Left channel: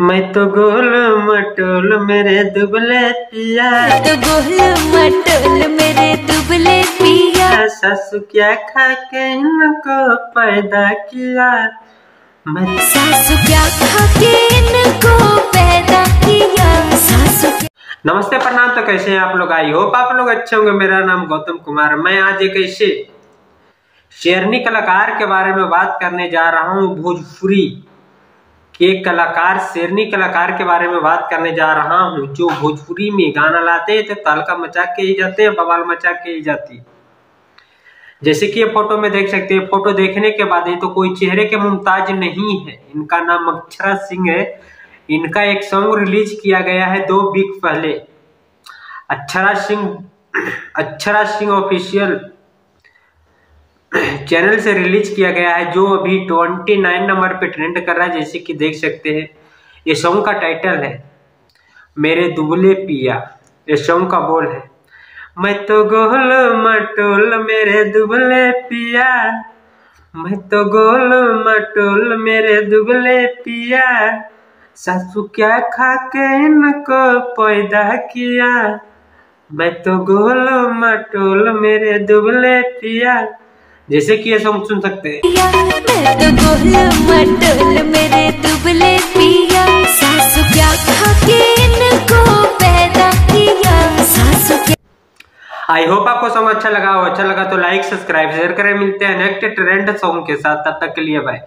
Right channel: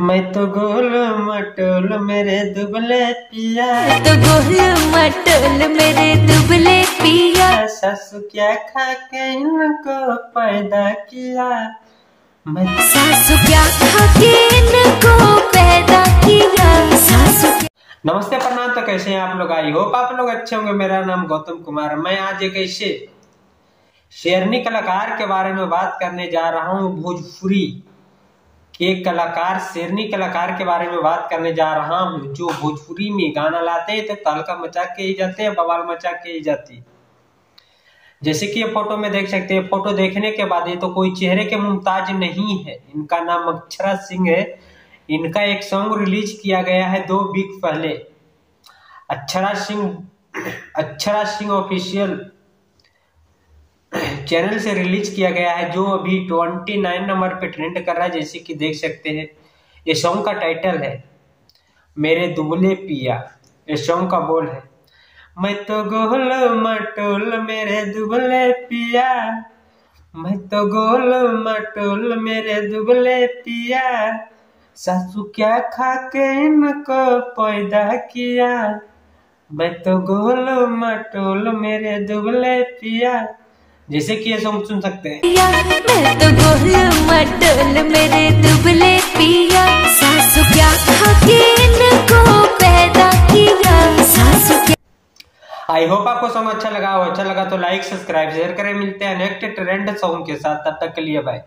मैं तो गोल मटोल मेरे दुबले पिया, तो गोल मटोल मेरे दुबले पिया। सासू क्या खा के इनको पैदा किया, मैं सासू क्या खा के इनको पैदा किया। सासू नमस्ते प्रणाम। तो कैसे हैं आप लोग? आई होप आप लोग अच्छे होंगे। मेरा नाम गौतम कुमार। मैं आज एक ऐसे शेरनी कलाकार के बारे में बात करने जा रहा हूँ। भोजपुरी के कलाकार, शेरनी कलाकार के बारे में बात करने जा रहा हूँ, जो भोजपुरी में गाना लाते हैं तो तालका मचा के ही जाते हैं, बवाल मचा के ही जाती है। जैसे कि ये फोटो में देख सकते हैं। फोटो देखने के बाद ये तो कोई चेहरे के मुमताज नहीं है। इनका नाम अक्षरा सिंह है। इनका एक सॉन्ग रिलीज किया गया है 2 वीक पहले। अक्षरा सिंह ऑफिशियल चैनल से रिलीज किया गया है, जो अभी 29 नंबर पे ट्रेंड कर रहा है। जैसे कि देख सकते हैं, ये सॉन्ग का टाइटल है मेरे दुबले पिया। ये सॉन्ग का बोल है, मैं तो गोल मटोल मेरे दुबले पिया, मैं तो गोल मटोल मेरे दुबले पिया, सासू क्या खा के इनको पैदा किया, मैं तो गोल मटोल मेरे दुबले पिया। जैसे कि ये सॉन्ग सुन सकते हैं। मैं तो गोल मटोल मेरे दुबले पिया, सासू क्या खा के इनको पैदा किया। सासू क्या। आई होप आपको सॉन्ग अच्छा लगा हो। अच्छा लगा तो लाइक, सब्सक्राइब, शेयर करें। मिलते हैं नेक्स्ट ट्रेंड सॉन्ग के साथ। तब तक के लिए बाय।